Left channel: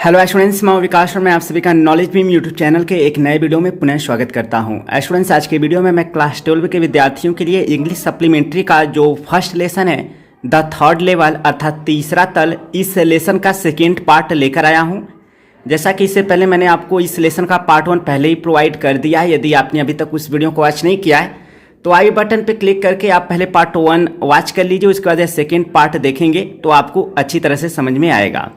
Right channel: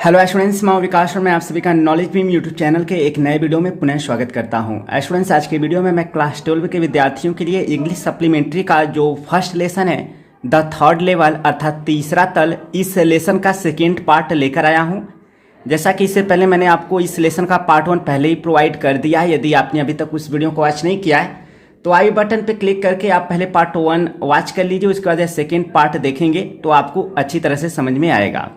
Hello students, मैं विकास और मैं आप सभी का नॉलेज बीम यूट्यूब चैनल के एक नए वीडियो में पुनः स्वागत करता हूं। स्टूडेंट्स, आज के वीडियो में मैं क्लास 12 के विद्यार्थियों के लिए इंग्लिश सप्लीमेंट्री का जो फर्स्ट लेसन है द थर्ड लेवल अर्थात तीसरा तल, इस लेसन का सेकेंड पार्ट लेकर आया हूं। जैसा कि इससे पहले मैंने आपको इस लेसन का पार्ट 1 पहले ही प्रोवाइड कर दिया है। यदि आपने अभी तक उस वीडियो को वॉच नहीं किया है तो आई बटन पर क्लिक करके आप पहले पार्ट 1 वॉच कर लीजिए, उसके बाद सेकेंड पार्ट देखेंगे तो आपको अच्छी तरह से समझ में आएगा।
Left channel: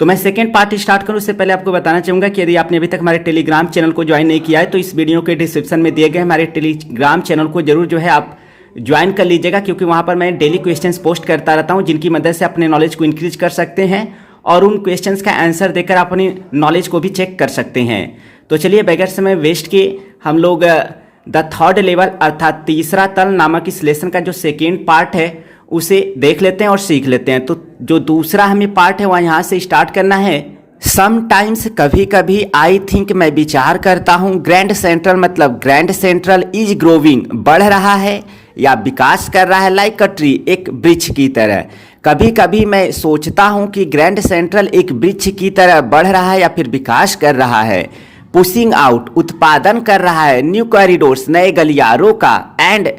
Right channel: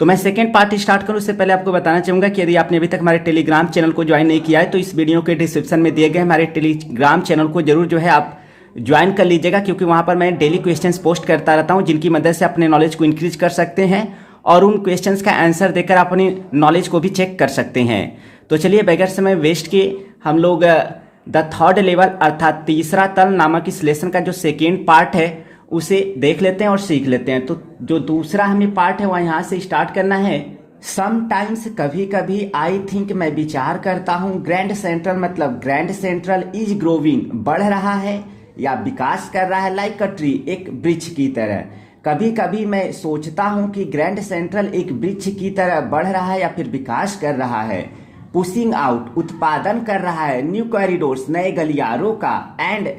तो मैं सेकेंड पार्ट स्टार्ट करूं उससे पहले आपको बताना चाहूंगा कि यदि आपने अभी तक हमारे टेलीग्राम चैनल को ज्वाइन नहीं किया है तो इस वीडियो के डिस्क्रिप्शन में दिए गए हमारे टेलीग्राम चैनल को जरूर आप ज्वाइन कर लीजिएगा, क्योंकि वहां पर मैं डेली क्वेश्चंस पोस्ट करता रहता हूं जिनकी मदद से अपने नॉलेज को इंक्रीज कर सकते हैं और उन क्वेश्चंस का आंसर देकर अपनी नॉलेज को भी चेक कर सकते हैं। तो चलिए बगैर समय वेस्ट किए हम लोग द थर्ड लेवल अर्थात तीसरा तल नामक इस लेसन का जो सेकेंड पार्ट है उसे देख लेते हैं और सीख लेते हैं। तो जो दूसरा हमें पार्ट है वह यहाँ से स्टार्ट करना है। समटाइम्स कभी कभी आई थिंक मैं विचार करता हूँ, ग्रैंड सेंट्रल मतलब ग्रैंड सेंट्रल इज ग्रोविंग बढ़ रहा है या विकास कर रहा है, लाइक अ ट्री एक वृक्ष की तरह। कभी कभी मैं सोचता हूँ कि ग्रैंड सेंट्रल एक वृक्ष की तरह बढ़ रहा है या फिर विकास कर रहा है। पुशिंग आउट उत्पादन कर रहा है, न्यू कॉरिडोर्स नए गलियारों का, एंड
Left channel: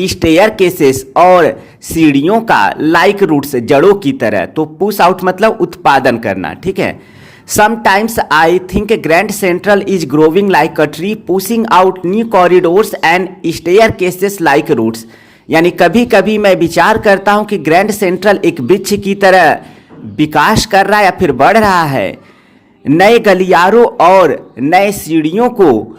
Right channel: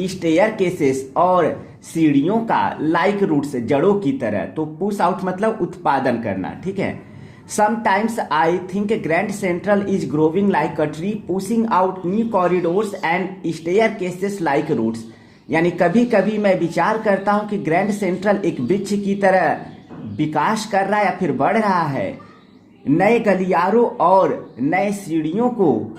स्टेयर केसेस और सीढ़ियों का, लाइक रूट्स जड़ों की तरह। तो पुश आउट मतलब उत्पादन करना, ठीक है। Sometimes I think Grand Central is growing like a tree pushing out new corridors and staircases like roots. यानी कभी कभी मैं विचार करता हूं कि ग्रैंड सेंट्रल एक वृक्ष की तरह विकास कर रहा है या फिर बढ़ रहा है, नए गलियारों और नए सीढ़ियों को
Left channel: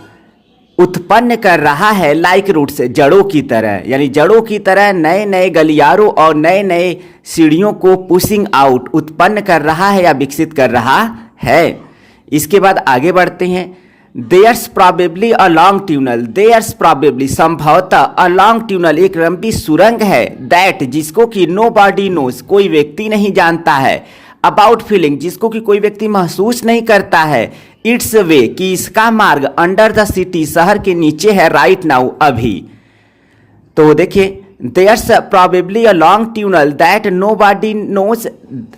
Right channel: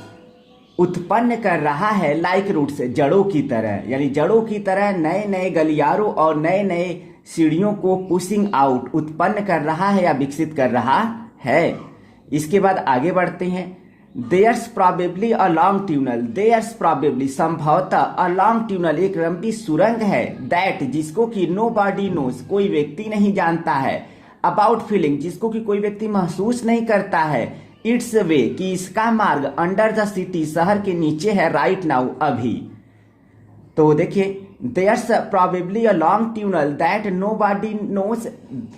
उत्पन्न कर रहा है, लाइक रूट्स जड़ों की तरह। यानी जड़ों की तरह नए नए गलियारों और नए नए सीढ़ियों को पुशिंग आउट उत्पन्न कर रहा है या विकसित कर रहा है। इसके बाद आगे बढ़ते हैं। There's probably a long tunnel, there's probably संभवतः अ लॉन्ग ट्यूनल एक लंबी सुरंग है, दैट जिसको कि नो बॉडी नोज कोई व्यक्ति नहीं जानता है, अबाउट फीलिंग जिसको कि कोई व्यक्ति महसूस नहीं करता है, इट्स वे कि इसका मार्ग, अंडर द सिटी शहर के नीचे है, राइट नाउ अभी। तो देखिए there's probably a long tunnel that nobody knows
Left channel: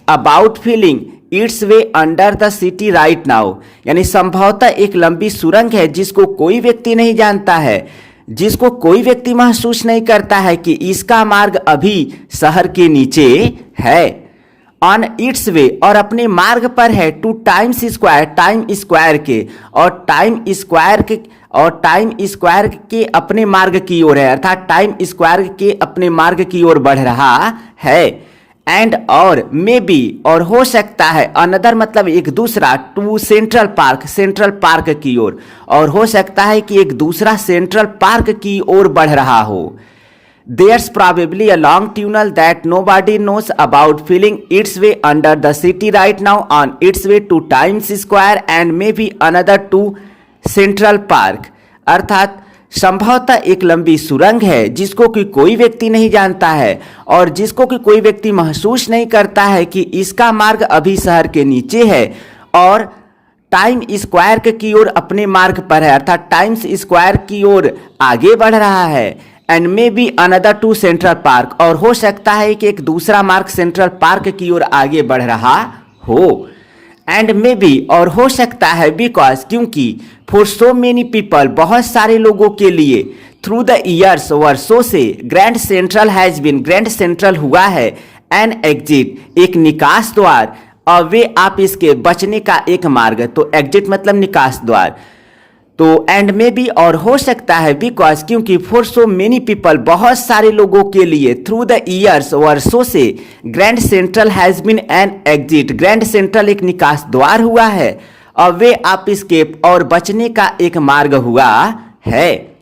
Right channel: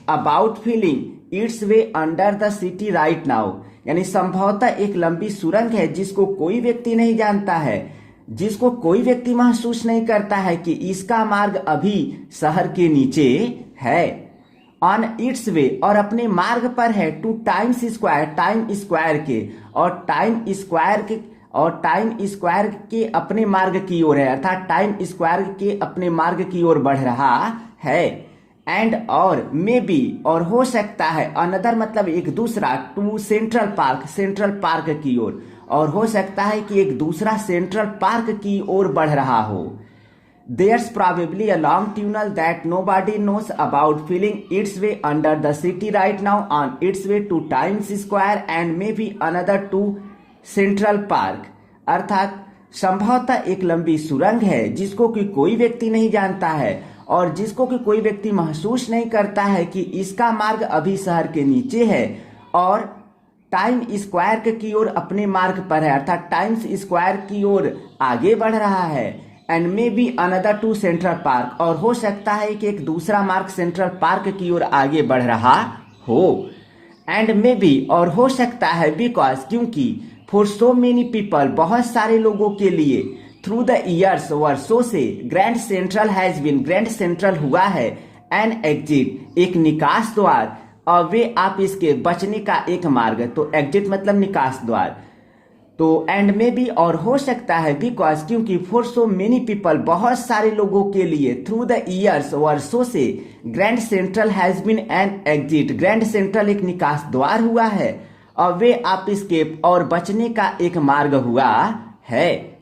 about feeling its way under the city right now. यानी संभवतः एक लंबी सुरंग है जिसको कोई व्यक्ति नहीं जानता है, जिसको कोई व्यक्ति महसूस नहीं करता है कि इसका मार्ग अभी शहर के नीचे है। ऑन इट्स वे और अपने मार्ग पर है, two times square time square के, और टाइम स्क्वायर के अपने मार्ग की ओर है, अर्थात टाइम स्क्वायर के अपने मार्ग की ओर बढ़ रहा है। एंड और मे बी और हो सकता है, अनदर मतलब एक दूसरा, टू सेंट्रल पार्क की ओर, और हो सकता है कि एक दूसरा सेंट्रल पार्क की ओर बढ़ रहा हो। There's probably a long tunnel that nobody knows about filling its way under the city right now on its way to Times Square and maybe another to Central Park। अर्थात संभवतः एक लंबी सुरंग है जिसको कि कोई व्यक्ति नहीं जानता है और जिसको कि कोई व्यक्ति महसूस नहीं करता है कि इसका मार्ग अभी शहर के नीचे है और टाइम स्क्वायर की ओर अपने मार्ग पर है, अर्थात टाइम्स स्क्वायर की ओर आगे बढ़ रहा है। And maybe another to Central Park और हो सकता है कि एक दूसरा मार्ग सेंट्रल पार्क की ओर आगे बढ़ रहा हो। एंड मे बी और हो सकता है, बिकॉज क्योंकि, फॉर सो मेनी पीपल बहुत सारे लोगों के लिए, थ्रू द ईयर्स वर्षों से, Grand Central has been Grand Central हुआ है, एन एग्जिट एक निकास द्वार, और वे आप इसके बचने का एक मार्ग। तो एग्जिट मतलब निकास द्वार। तो एंड मे बी और हो सकता है, बिकॉज क्योंकि, फॉर सो मेनी पीपल बहुत सारे लोगों के लिए, थ्रू द ईयर्स वर्षों से, Grand Central has been an exit Grand Central एक निकास द्वार हुआ है और वे आप एस्केप और बचने का एक मार्ग हुआ है।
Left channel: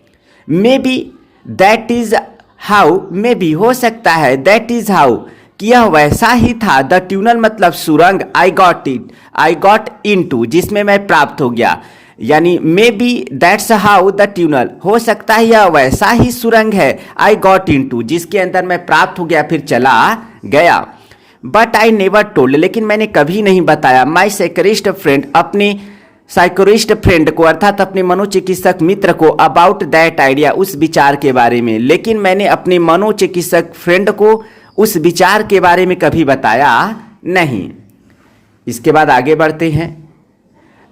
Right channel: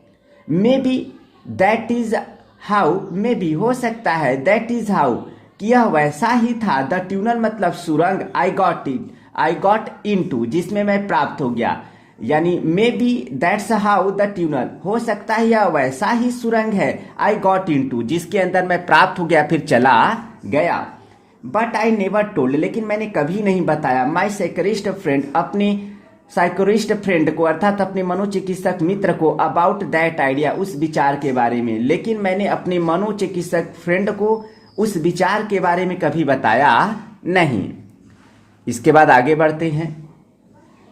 May be that is how, may be हो सकता है, दैट इज हाउ कि यह वैसा ही था, द ट्यूनल मतलब सुरंग, आई गॉट इन टू जिसमें मैं प्राप्त हो गया। यानी may be that's how the tunnel हो सकता है यह वैसा ही सुरंग है, आई गॉट इन टू जिसके अंदर मैं प्राप्त हो गया फिर चला गया। बट आई नेवर टोल्ड लेकिन मैंने कभी नहीं बताया, माई साइकोरिस्ट फ्रेंड अपने साइकोरिस्ट फ्रेंड को अर्थात अपने मनोचिकित्सक मित्र को, अबाउट दैट आइडिया उस विचार के बारे में। लेकिन मैंने अपने मनोचिकित्सक फ्रेंड को उस विचार के बारे में कभी बताया नहीं। इसके बाद आगे बढ़ते हैं।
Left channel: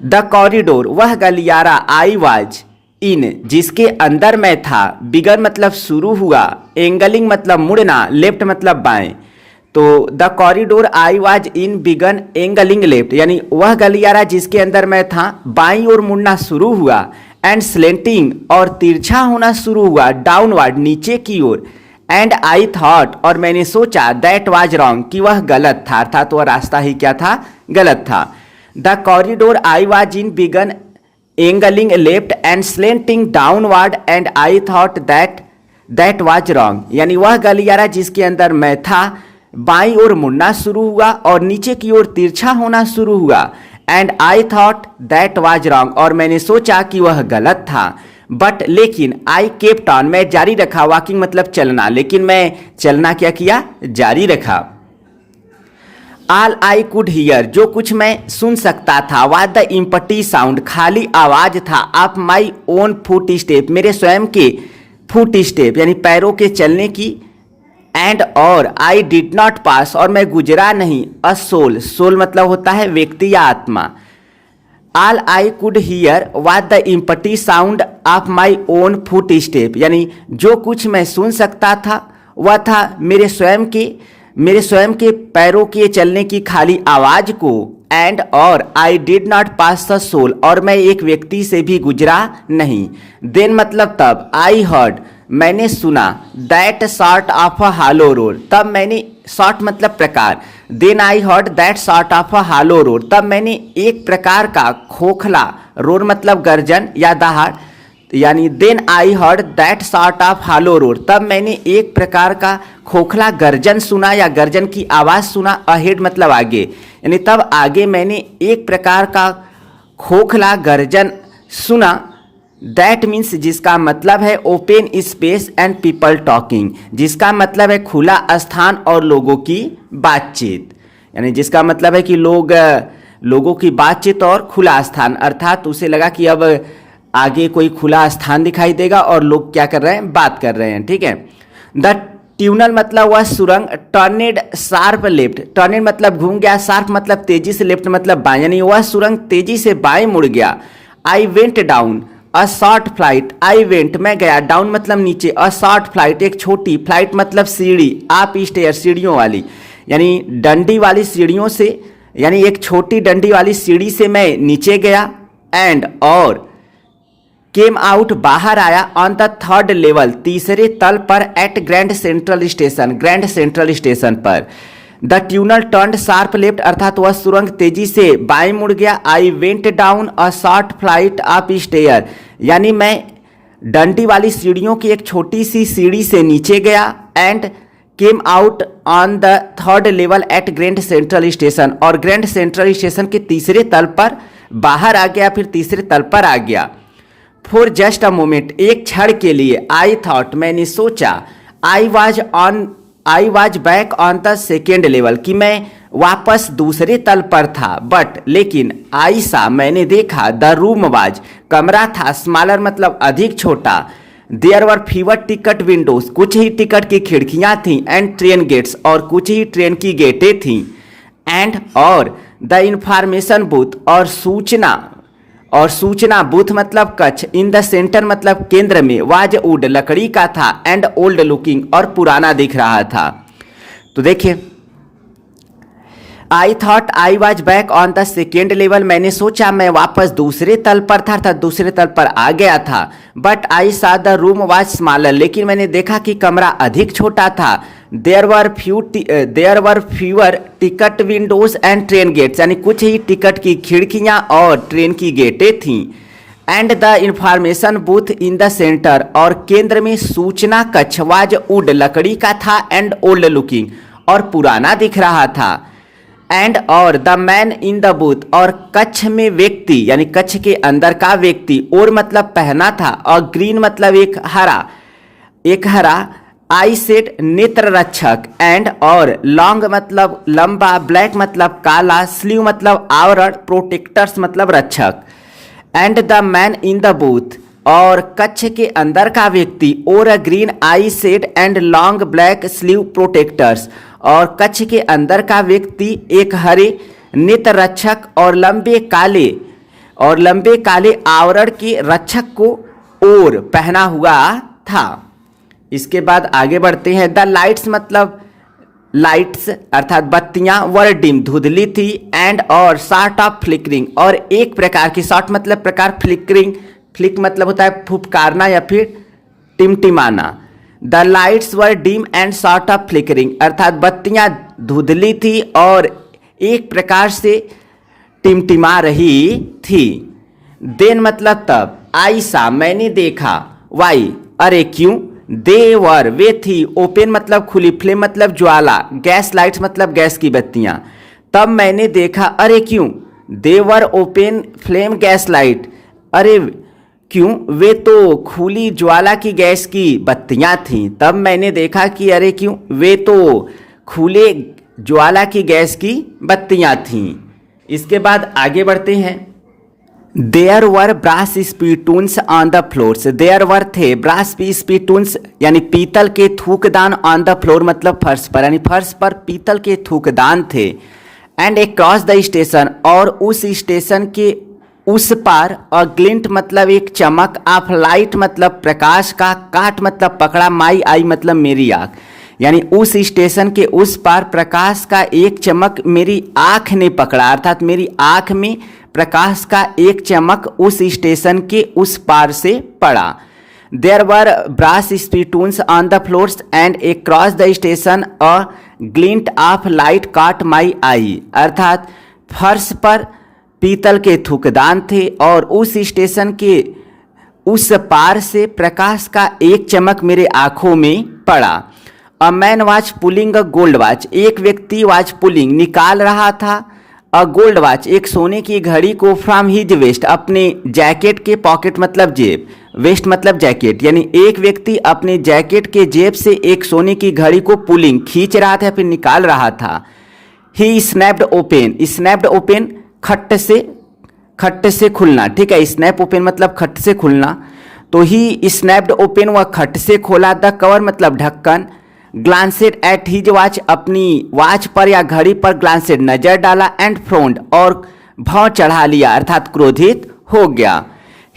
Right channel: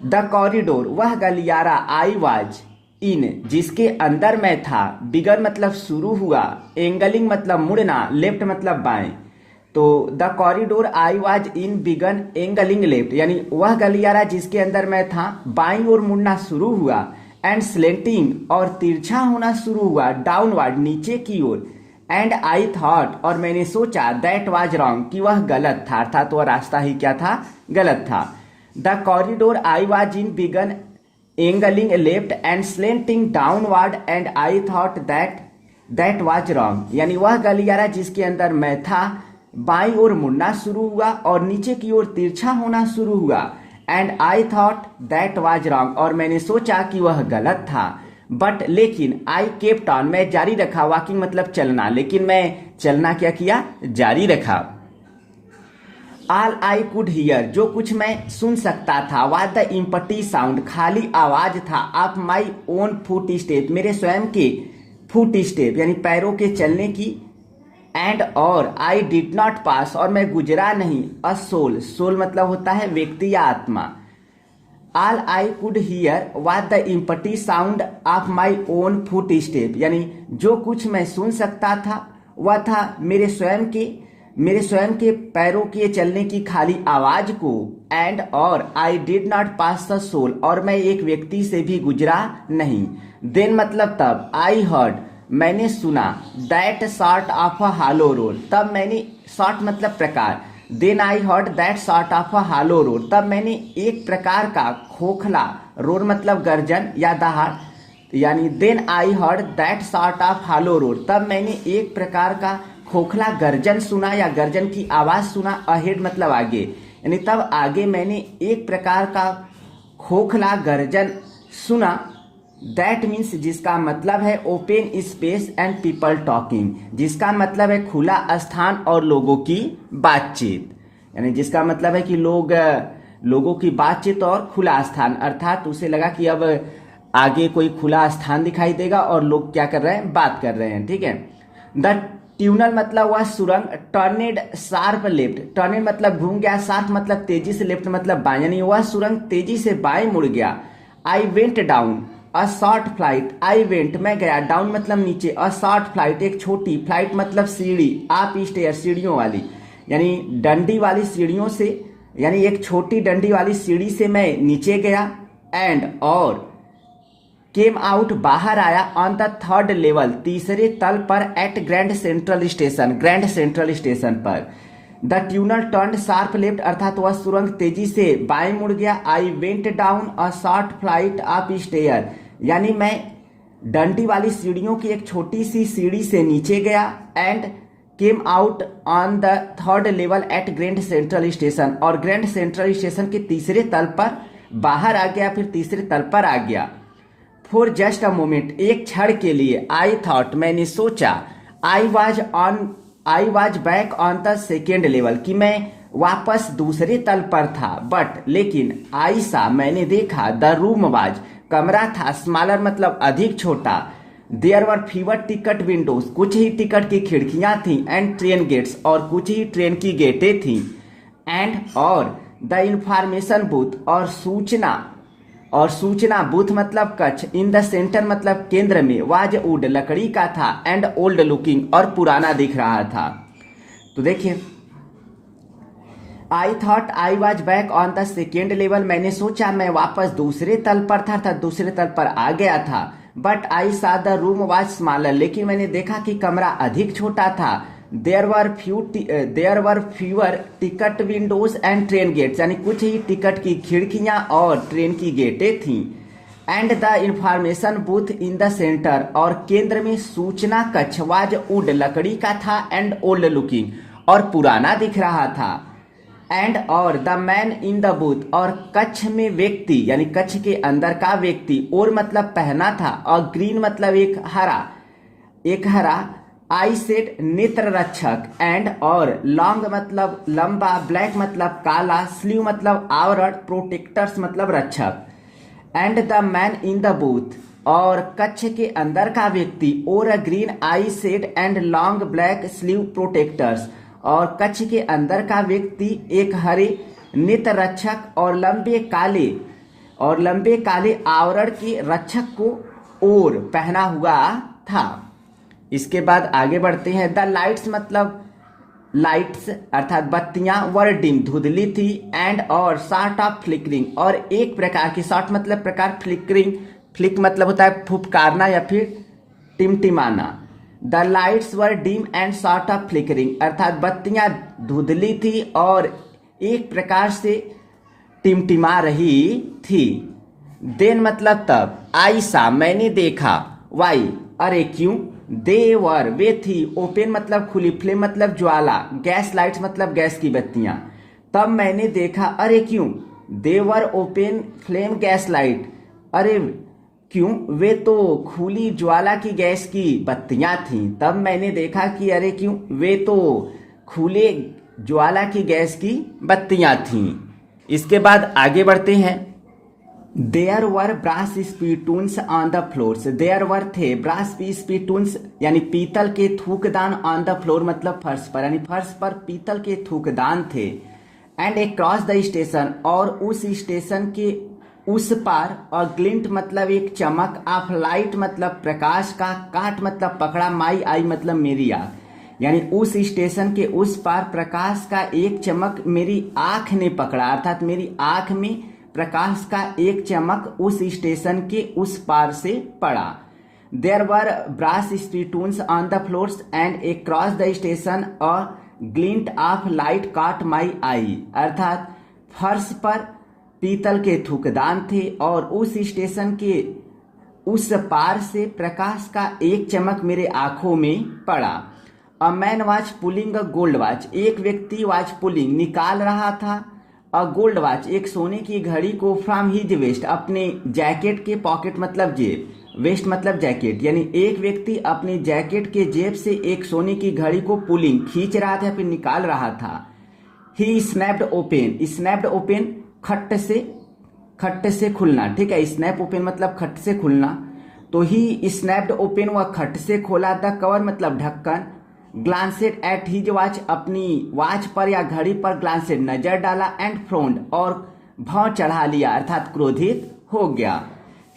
द कॉरिडोर वह गलियारा आई वाज इन जिसके अंदर मैं था, बिगन मतलब शुरू हुआ, एंगलिंग मतलब मुड़ना, लेफ्ट मतलब बाएं। तो the corridor I was in began angling left, यानी वह गलियारा जिसके अंदर मैं था बाईं ओर मुड़ना शुरू हुआ, एंड स्लेंटिंग और तिरछा होना शुरू हुआ, डाउनवर्ड नीचे की ओर, एंड आई थॉट और मैंने सोचा, दैट वाज रॉन्ग कि वह गलत था, अर्थात वह रास्ता ही क्या था, गलत था। The corridor I was in began angling left and slanting downward and I thought that was wrong, यानी वह गलियारा जिसके अंदर मैं था बाईं ओर मुड़ना शुरू हुआ और नीचे की ओर तिरछा होना शुरू हुआ, and I thought that was wrong और मैंने सोचा कि वह गलत था। बट लेकिन आई केप्ट ऑन मैं जारी रखा, वॉकिंग मतलब चलना, लेकिन मैं चलना क्या किया, जारी रखा। ऑल आई कुड हियर जो कुछ मैं सुन सकता था, वाज द इम्पटी साउंड खाली आवाज था, of my own foot step मेरे स्वयं के फुट स्टेप यानी पैरों के चलने की, एंड और आई डिड नॉट पास और मैं गुजरा नहीं, अ सोल, सोल मतलब होता है व्यक्ति या आत्मा। All I could hear was the empty sound of my own foot step, यानी जो कुछ मैं सुन सकता था वह था मेरे स्वयं के पैरों के चलने की खाली आवाज को, एंड और I did not pass the soul और मैं एक व्यक्ति से भी गुजरा नहीं। देन मतलब तब, आई हर्ड मैंने सुना, that sort of a hollow roar तब मैंने, सॉर्ट मतलब प्रकार, then I heard that sort of a hollow roar तब मैंने एक प्रकार का खोखला, रोर मतलब गर्जन या दहाड़, यानी then I heard that sort of hollow roar तब मैंने एक प्रकार का खोखला गर्जन सुना या गर्जन की आवाज सुना, अहेड मतलब आगे, यानी तब आगे मैंने एक प्रकार का खोखला गर्जन सुना। दैट मीन्स जिसका मतलब है open space and people talking, जिसका मतलब है खुला स्थान और लोगों की बातचीत, यानी जिसका मतलब है कि लोगों की बातचीत और खुला स्थान, अर्थात उसे लगा कि अब आगे कोई खुला स्थान दिखाई देगा और लोग क्या कर रहे हैं, बात कर रहे हैं, ठीक है। द ट्यूनल मतलब वह सुरंग, टर्नेड शार्प लेफ्ट, टर्नेड मतलब घूम गया, शार्प मतलब तेजी से, लेफ्ट मतलब बाएं, यानी वह सुरंग तेजी से बाएं मुड़ गया। I went down a short flight, I went मैं गया, डाउन मतलब नीचे, अ शॉर्ट फ्लाइट एक छोटी, फ्लाइट मतलब सीढ़ी, आप स्टेयर सीढ़ियों वाली, यानी डंडी वाली सीढ़ियों से, यानी एक छोटी डंडी वाली सीढ़ी से मैं नीचे गया, एंड और केम आउट बाहर आया, ऑन द थर्ड लेवल तीसरे तल पर, at Grand Central station Grand Central station पर। The tunnel turned sharp left अर्थात वह सुरंग तेजी से बाएं मुड़ गया। I went down a short flight of stair, यानी मैं डंडी वाली सीढ़ियों की एक छोटी सी सीढ़ी से नीचे गया, and came out on the third level at Grand Central Station और ग्रैंड सेंट्रल स्टेशन के तीसरे तल पर बाहर आ गया, फिर तीसरे तल पर आ गया। फॉर जस्ट अ मोमेंट एक क्षण के लिए, आई थॉट मैंने सोचा, I was back on the second level कि मैं वापस दूसरे तल पर था, बट लेकिन आई सा मैंने देखा, द रूम वाज कमरा था, स्मॉलर मतलब अधिक छोटा, there were fewer ticket windows कुछ ही टिकट की खिड़कियां थीं, एंड ट्रेन गेट्स और कुछ ही ट्रेन की गेटें थीं, एंड और द इंफॉर्मेशन बूथ और सूचना बूथ मतलब कक्ष, इन द सेंटर मतलब केंद्र में, वाज वुड लकड़ी का था, एंड ओल्ड लुकिंग और पुराना दिख रहा था। तो देखिए, I thought I was back on the second level मैंने सोचा मैं वापस दूसरे तल पर था, अर्थात दूसरे तल पर आ गया था। बट आई सा द रूम वाज स्मॉलर, लेकिन मैंने देखा कि कमरा अधिक छोटा था। There were fewer ticket windows and train gates, यानी कुछ ही टिकट की खिड़कियां और ट्रेन की गेटें थीं। And the information booth in the centre, और केंद्र में सूचना कक्ष वाज वुड लकड़ी का था, एंड ओल्ड लुकिंग और पुराना दिख रहा था। एंड और the man in the booth, और कक्ष में व्यक्ति यानी कक्ष के अंदर का व्यक्ति, और मतलब पहना था, और ग्रीन मतलब एक हरा, आई सेड नेत्र रक्षक, एंड और लॉन्ग मतलब लंबा, ब्लैक मतलब काला, स्लीव मतलब आवरण, प्रोटेक्टर्स मतलब रक्षक। And the man in the booth, और कक्ष के अंदर का व्यक्ति, और green I said and long black sleeve protectors, और कक्ष के अंदर का व्यक्ति एक हरे नेत्र रक्षक और लंबे काले और लंबे काले आवरण के रक्षक को ओर पहना हुआ था। इसके बाद आगे बढ़ते हैं। द लाइट्स मतलब लाइट्स अर्थात बत्तियां वर डिम धुंधली थी एंड और सॉर्ट ऑफ फ्लिकरिंग और एक प्रकार की, सॉर्ट मतलब प्रकार, फ्लिकरिंग, फ्लिक मतलब होता है फुफकारना या फिर टिमटिमाना। The lights were dim and sort of flickering अर्थात बत्तियां धुंधली थी और एक प्रकार से टिमटिमा रही थी। देन मतलब तब, आई सा मैंने देखा, वाई अरे क्यों, दे वर वे थी, ओपन मतलब खुली, फ्लेम मतलब ज्वाला, गैस लाइट्स मतलब गैस की बत्तियां। तब मैंने देखा, अरे क्यों, they were open flame gas light, अरे क्यों, वे तो खुली ज्वाला की गैस की बत्तियां थीं। तब मैंने देखा कि अरे क्यों, वे तो खुले ज्वाला की गैस की बत्तियां थीं। इसके बाद आगे बढ़ते हैं। There were brass spittoons on the floors, there were थे ब्रास स्पीटून्स यानी पीतल के थूकदान ऑन द फ्लोर मतलब फर्श पर, यानी फर्श पर पीतल के थूकदान थे। एंड अक्रॉस द स्टेशन और उस स्टेशन के उस पार, और ग्लिंट मतलब एक चमक, ऑफ लाइट मतलब प्रकाश का, काट मतलब पकड़ा, माई आई मतलब मेरी आँख, यानी उस स्टेशन के उस पार प्रकाश का एक चमक मेरी आँख ने पकड़ा, अर्थात मेरी आँख में प्रकाश का एक चमक उस स्टेशन के उस पार से पड़ा। There were brass spittoons on the floors and across the station a glint of light caught my आई, अर्थात फर्श पर पीतल के थूकदान थे और उस स्टेशन के उस पार से प्रकाश का एक चमक मेरे आंखों में पड़ा। A man watch pulling a gold watch, एक व्यक्ति वॉच पुलिंग निकाल रहा था, अ गोल्ड वॉच एक सोने की घड़ी को, फ्रॉम हिज वेस्ट अपने जैकेट के, पॉकेट मतलब जेब, वेस्ट मतलब जैकेट, यानी एक व्यक्ति अपने जैकेट के जेब से एक सोने की घड़ी को पुलिंग खींच रहा था, फिर निकाल रहा था। ही स्नैप्ड ओपन, स्नैप्ड ओपन खट से खुलना, ठीक है, स्नैप ओपन मतलब खट से खुलना, तो ही स्नैप्ड ओपन वह खट से खोला, द कवर मतलब ढक्कन, ग्लांसेड एट हिज वॉच अपनी वॉच पर या घड़ी पर ग्लांसेड नजर डाला, एंड फ्रोन्ड और भौं चढ़ा लिया अर्थात क्रोधित हो गया।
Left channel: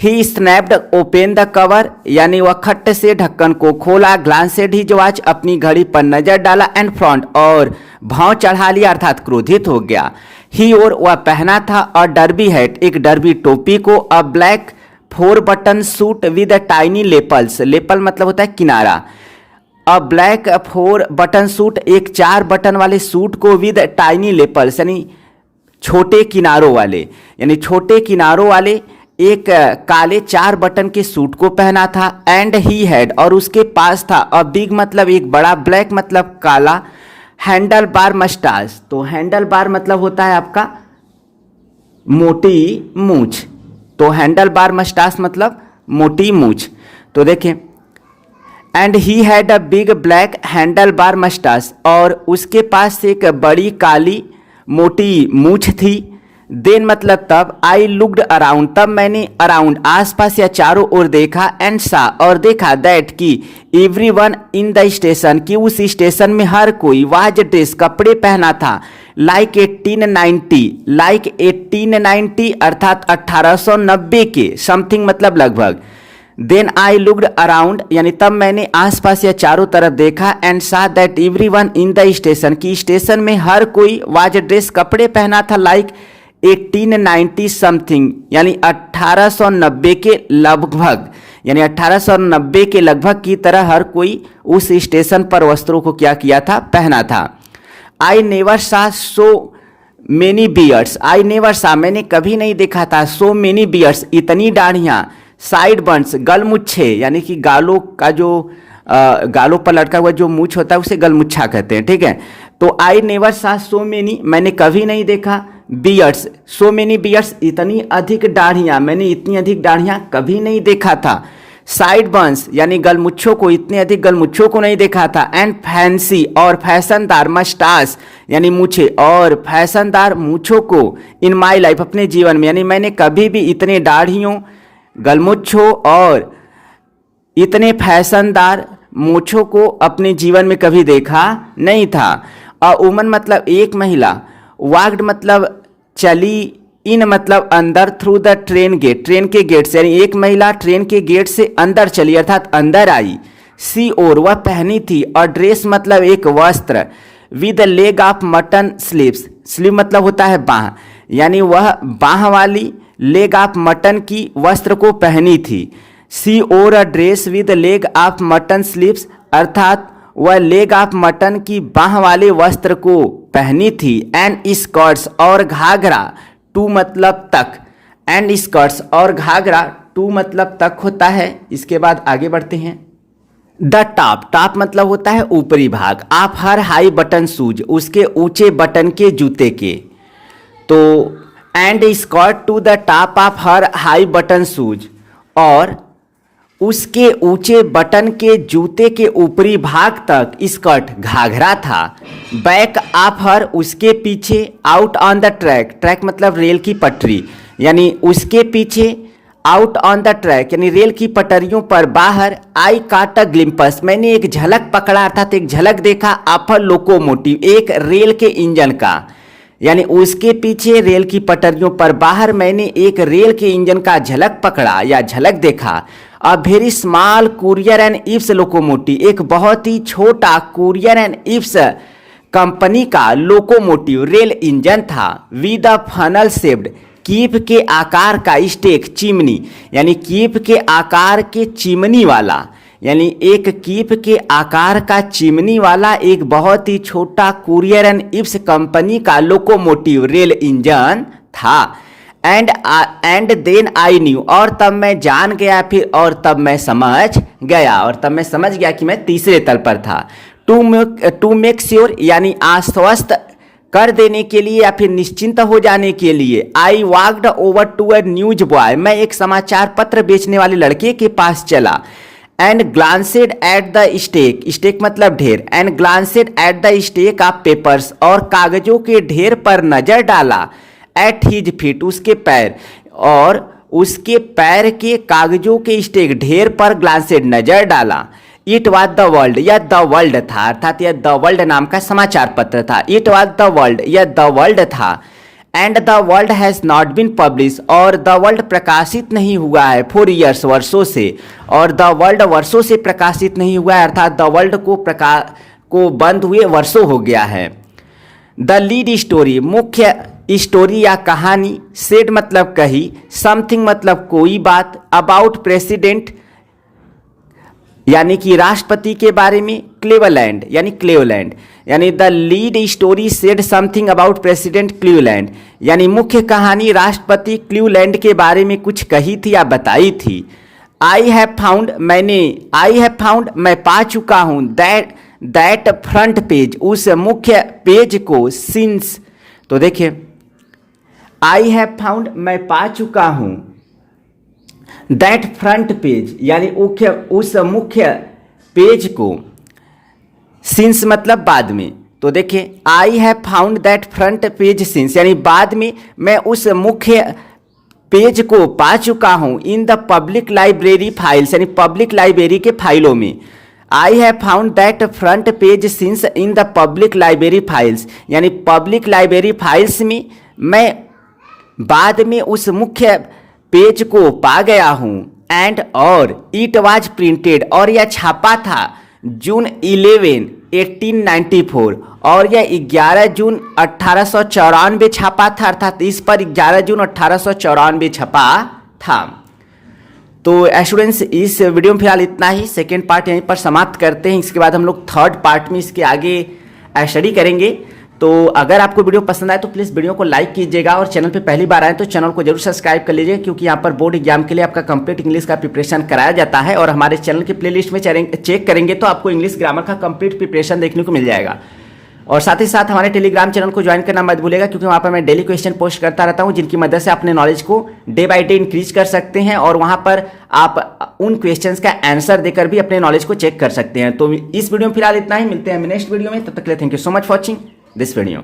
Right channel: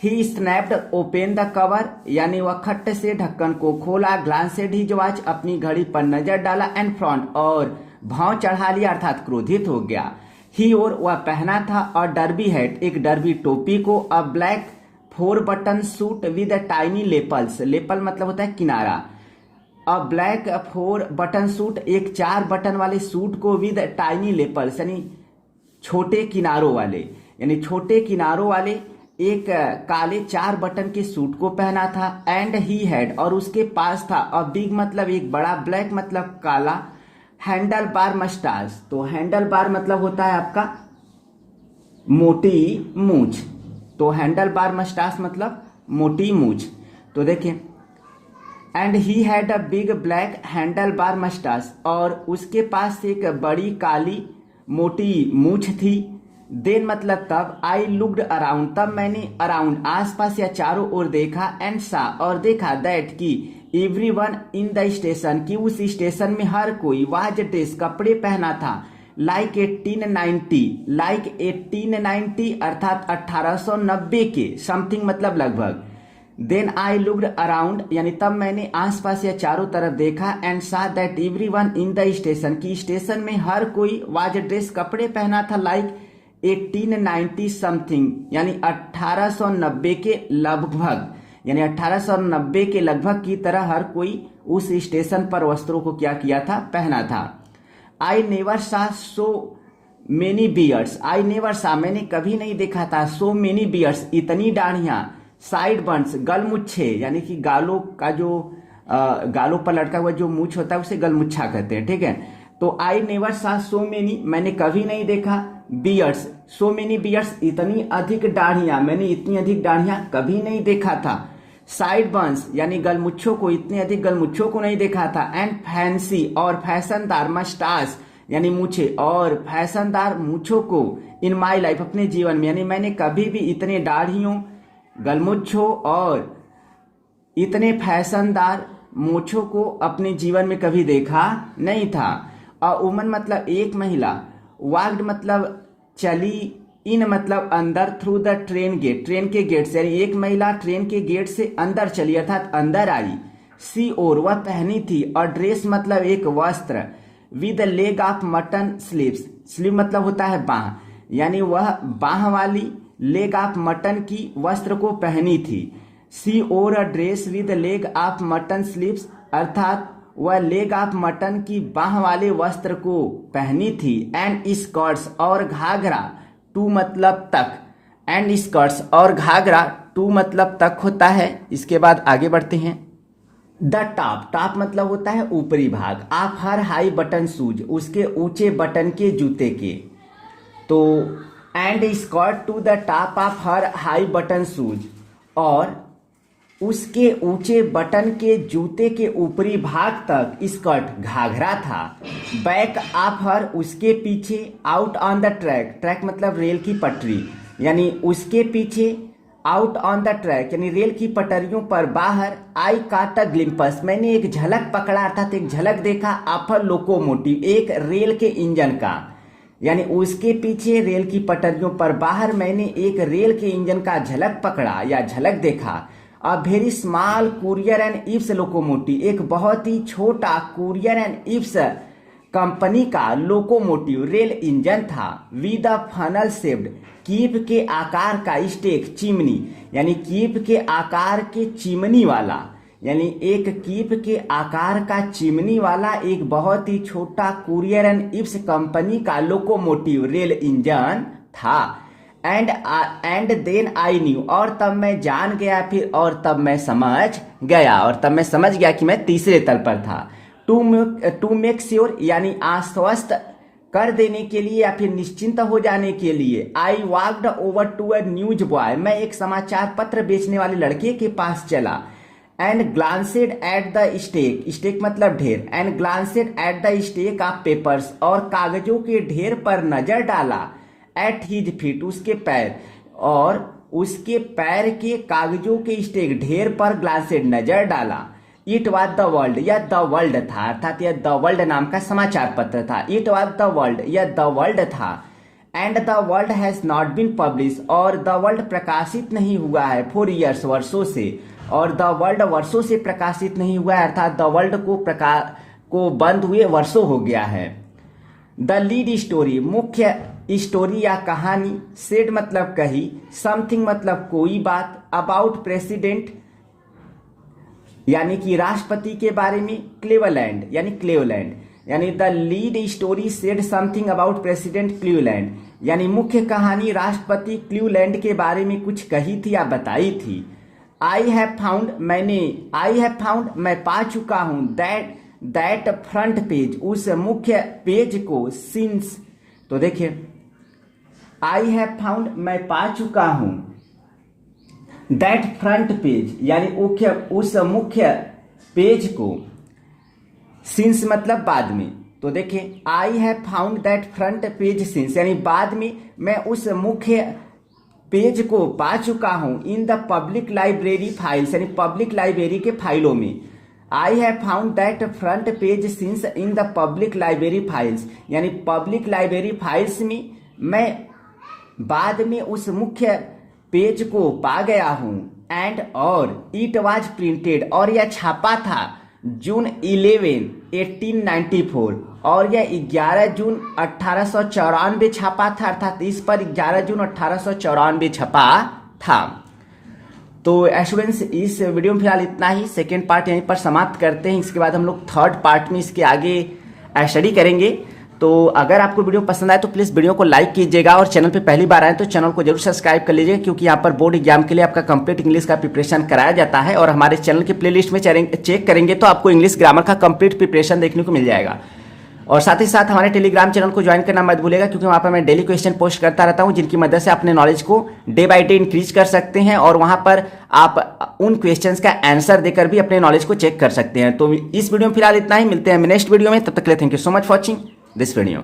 ही स्नैप्ड ओपन द कवर यानी वह खट से ढक्कन को खोला, ग्लांसेड हिज वॉच अपनी घड़ी पर नजर डाला, एंड फ्रोन्ड और भौं चढ़ा लिया अर्थात क्रोधित हो गया। ही और वह पहना था अ डर्बी हैट एक डर्बी टोपी को, a black 4 button suit with tiny lapels, lapel मतलब होता है किनारा, अ ब्लैक 4 बटन सूट एक 4 बटन वाले सूट को, विद टाइनी लेपल्स यानी छोटे किनारों वाले, यानी छोटे किनारों वाले एक काले 4 बटन के सूट को पहना था। एंड ही हैड और उसके पास था, अ बिग मतलब एक बड़ा, ब्लैक मतलब काला, हैंडल बार मस्टास, तो हैंडल बार मतलब होता है आपका मोटी मूंछ, तो हैंडल बार मस्टास मतलब मोटी मूंछ। तो देखें, and he had a big black handle bar mustache और उसके पास एक बड़ी काली मोटी मूंछ थी। देन मतलब तब, आई लुक्ड अराउंड तब मैंने अराउंड आसपास या चारों ओर देखा, एंड सा और देखा, दैट की एवरीवन इन द स्टेशन की उस स्टेशन में हर कोई, वाज ड्रेस कपड़े पहना था, लाइक 1890 लाइक 1890 अर्थात 1890 के, समथिंग मतलब लगभग। देन आई लुक्ड अराउंड यानी तब मैंने आसपास या चारों तरफ देखा, एंड सा that everyone in the station की स्टेशन में हर कोई, वाज ड्रेस कपड़े पहना था, लाइक 1890 समथिंग यानी 1890 के लगभग, यानी 1890 के लगभग की तरह हर कोई उस स्टेशन पर वस्त्रों को क्या किया था, पहना था। आई नेवर सा so many beards, I never सा मैंने कभी नहीं देखा था, सो मेनी बियर्ड्स इतनी दाढ़ियाँ, साइड बंस गलमुच्छे यानी कि गालों का जो गालों पर लटका हुआ जो मूछ होता है उसे गलमुच्छा कहते हैं, ठीक है। तो आई नेवर सा सो मेनी मैंने कभी नहीं देखा, बियर्ड्स सो मेनी बियर्ड्स इतनी अधिक दाढ़ियाँ, मैंने इतनी अधिक दाढ़ियाँ कभी नहीं देखा था। साइड बंस यानी गलमुच्छों को, इतने अधिक गलमुच्छों को नहीं देखा था। एंड फैंसी और फैशनदार, मस्टास यानी मूछे और फैशनदार मूछों को, इन माई लाइफ अपने जीवन में, यानी मैंने कभी भी इतने दाढ़ियों, गलमुच्छों और इतने फैशनदार मूछों को अपने जीवन में कभी देखा नहीं था। अ वुमन मतलब एक महिला, वॉक्ड मतलब चली इन मतलब अंदर, through the train gate, train के गेट से, यानी एक महिला ट्रेन के गेट से अंदर चली अर्थात अंदर आई। सी और वह पहनी थी, और ड्रेस मतलब एक वस्त्र, with leg of mutton sleeves, sleeve मतलब होता है बाह, यानी वह बाह वाली लेग ऑफ मटन की वस्त्र को पहनी थी। सी और a dress with leg of mutton sleeves, अर्थात वह लेग ऑफ मटन की बाह वाले वस्त्र को पहनी थी। एंड स्कर्ट्स और घाघरा, टू मतलब तक, एंड स्कर्ट्स और घाघरा टू मतलब तक होता है। इसके बाद आगे बढ़ते हैं। द टॉप, टॉप मतलब होता है ऊपरी भाग, आप हर हाई बटन शूज, उसके ऊंचे बटन के जूते के। तो and skirt to the top of her high button shoes, और उसके ऊंचे बटन के जूते के ऊपरी भाग तक स्कर्ट घाघरा था। बैक ऑफ हर, उसके पीछे, out on the track, track मतलब रेल की पटरी, यानी उसके पीछे, आउट ऑन द ट्रैक यानी रेल की पटरियों पर बाहर। आई काट अ ग्लिम्पस, मैंने एक झलक पकड़ा अर्थात एक झलक देखा। ऑफ अ लोकोमोटिव, एक रेल के इंजन का, यानी उसके पीछे रेल की पटरियों पर बाहर मैंने एक रेल के इंजन का झलक पकड़ा या झलक देखा। A very small Currier and Ives locomotive, एक बहुत ही छोटा कुरियर एंड इप्स कंपनी का लोकोमोटिव रेल इंजन था। विद अ फनल शेप्ड, कीप के आकार का स्टेक, चिमनी, यानी कीप के आकार के चिमनी वाला, यानी एक कीप के आकार का चिमनी वाला एक बहुत ही छोटा कुरियर एंड इप्स कंपनी का लोकोमोटिव रेल इंजन था। एंड देन आई न्यू, और तब मैं जान गया, फिर और तब मैं समझ गया, और तब मैं समझ गया कि मैं तीसरे तल पर था। टू मेक श्योर, यानी आश्वस्त कर देने के लिए या फिर निश्चिंत हो जाने के लिए। I walked over to a newsboy, मैं एक समाचार पत्र बेचने वाले लड़के के पास चला। And glanced at the stack, stack मतलब ढेर, and glanced at the stack of papers, और कागजों के ढेर पर नजर डाला। एट हिज फीट, उसके पैर, और उसके पैर के कागजों के स्टेक ढेर पर ग्लांसेड नजर डाला। इट वॉज द वर्ल्ड, यह द वर्ल्ड था, अर्थात यह द वर्ल्ड नाम का समाचार पत्र था। इट वॉज द वर्ल्ड, यह द वर्ल्ड था। And the World has not been publish, और द वर्ल्ड प्रकाशित नहीं हुआ है। 4 years, वर्षों से, और द वर्ल्ड वर्षों से प्रकाशित नहीं हुआ है, अर्थात द वर्ल्ड को बंद हुए वर्षों हो गया है। द लीड स्टोरी, मुख्य स्टोरी या कहानी। सेड मतलब कही, समथिंग मतलब कोई बात, अबाउट प्रेसिडेंट यानी कि राष्ट्रपति के बारे में, क्लीवलैंड यानी क्लीवलैंड, यानी the lead story said something about president Cleveland, यानी मुख्य कहानी राष्ट्रपति क्लीवलैंड के बारे में कुछ कही थी या बताई थी। आई हैव फाउंड, मैं पा चुका हूँ, दैट फ्रंट पेज, उस मुख्य पेज को, सिंस, तो देखिए आई हैव फाउंड, मैं पा चुका हूँ, दैट फ्रंट पेज यानी उस मुख्य पेज को, सिंस मतलब बाद में, तो देखिए I have found that front page since, यानी बाद में मैं उस मुख्य पेज को पा चुका हूं। In the public library files, यानी पब्लिक लाइब्रेरी के फाइलों में। I have found that front page since in the public library files, यानी पब्लिक लाइब्रेरी फाइल्स में मैं बाद में उस मुख्य पेज को पा गया हूं। एंड और इट वाज प्रिंटेड, और यह छापा था जून 11, 1894, और यह 11 जून 1894 छपा था, अर्थात इस पर 11 जून 1894 छपा था। तो स्टूडेंट्स, इस वीडियो में फिलहाल इतना ही। सेकेंड पार्ट यहीं पर समाप्त करते हैं। इसके बाद हम लोग थर्ड पार्ट में इसके आगे स्टडी करेंगे। तो अगर आपको वीडियो पसंद आए तो प्लीज़ वीडियो को लाइक कीजिएगा, और चैनल पे पहली बार आए तो चैनल को जरूर सब्सक्राइब कर लीजिए, क्योंकि यहाँ पर बोर्ड एग्जाम के लिए आपका कंप्लीट इंग्लिश का प्रिपरेशन कराया जाता है। और हमारे चैनल के प्लेलिस्ट में चेक करेंगे तो आपको इंग्लिश ग्रामर का कंप्लीट प्रिपरेशन देखने को मिल जाएगा। और साथ ही साथ हमारे टेलीग्राम चैनल को ज्वाइन करना मत भूलिएगा, क्योंकि वहाँ पर मैं डेली क्वेश्चन पोस्ट करता रहता हूँ, जिनकी मदद से अपने नॉलेज को डे बाय डे इंक्रीज कर सकते हैं। और वहाँ पर आप उन क्वेश्चंस का आंसर देकर भी अपने नॉलेज को चेक कर सकते हैं। तो इस वीडियो में फिलहाल इतना ही, मिलते हैं नेक्स्ट वीडियो में। तब तक के लिए thank you so much for watching this video.